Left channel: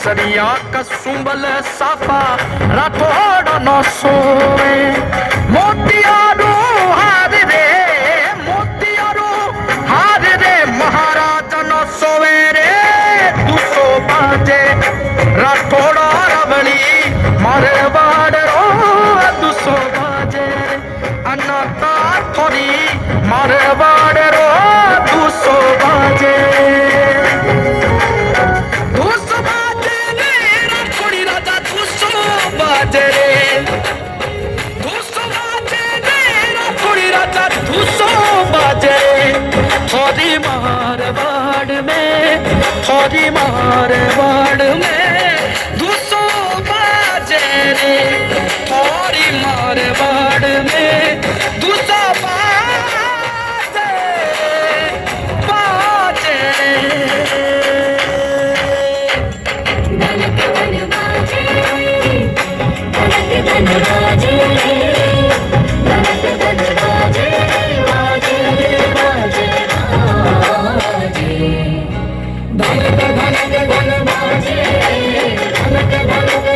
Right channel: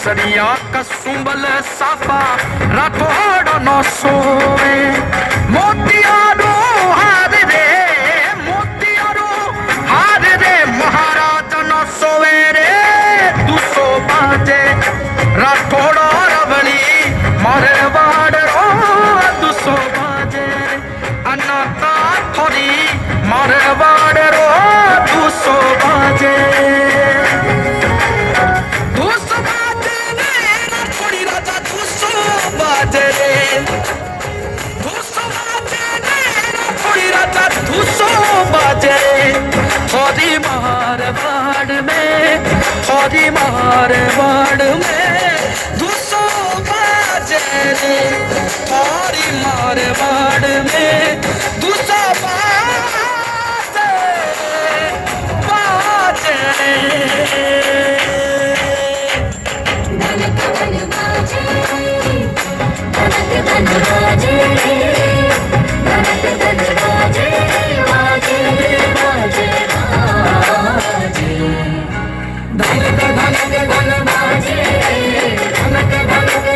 बांसुरिया कसुंबल साफा राठौड़ नो सोवे मोतियारो हार रे महाराज नो सोवे रे दुसो बाजे राठौड़ रवली मारवाड़ रो दुसो बाजे अनाता थोड़ी मारवाड़ रो दुसो बाजे थोड़ी मारवाड़ में दुसो बाजे रे थोड़ी मारवाड़ में दुसो बाजे धनक धनक धन बाजे धनक धनक